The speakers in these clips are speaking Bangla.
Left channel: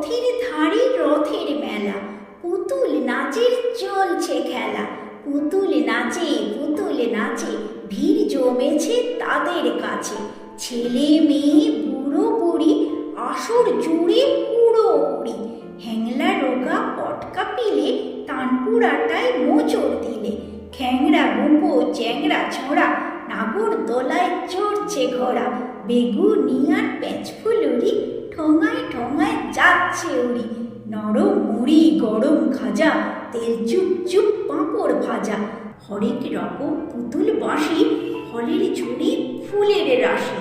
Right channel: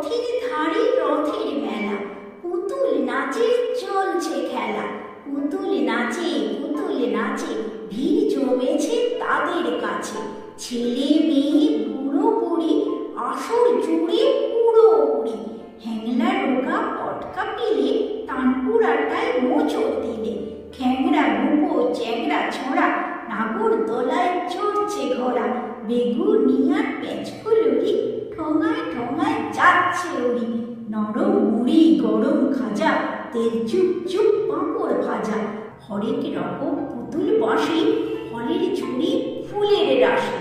রথের ধারে রথের মেলা। পুতুল নাচে চলছে খেলা। পুতুল নাচে পুতুল নাচে, ভিড় জমেছে তাদের কাছে। ছেলে, মেয়ে, বুড়ো, বুড়ি, আসর জুড়ে পুরো উড়ি হ্যাংলা রোগা পটকা পিলে তানপুরাটায় মোচড় দিলে। খ্যাংরা বুকো চ্যাংরা ছোড়া নাগর দোলায় চড়ছে ঘোড়া। বেগুনিয়ার পেঁচা উড়ি নরম মুড়ি, গরম খাজা তেল চুপ চুপ, পাঁপড় ভাজা। হরেক রকম পুতুল বাঁশি ফলের ঝুড়ি ফুলের রাশি।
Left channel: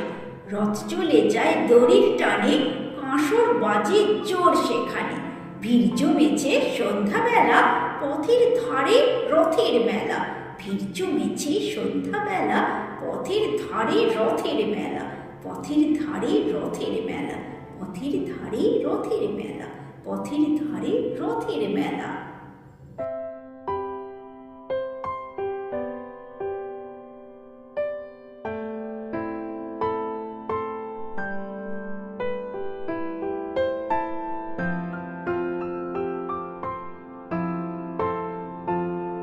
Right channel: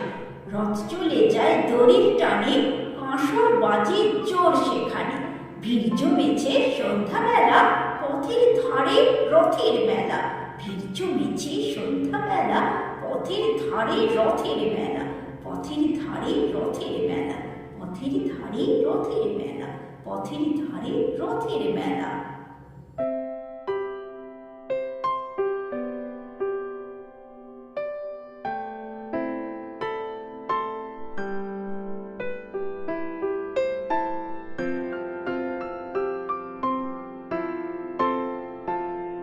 রথ চলে যায় দড়ির টানে কাঁসর বাজে জোর সেখানে। ভিড় জমেছে সন্ধ্যাবেলা, পথের ধারে রথের মেলা। ভিড় জমেছে সন্ধ্যাবেলা, পথের ধারে রথের মেলা। পথের ধারে রথের মেলা, পথের ধারে রথের মেলা পথের ধারে রথের মেলা।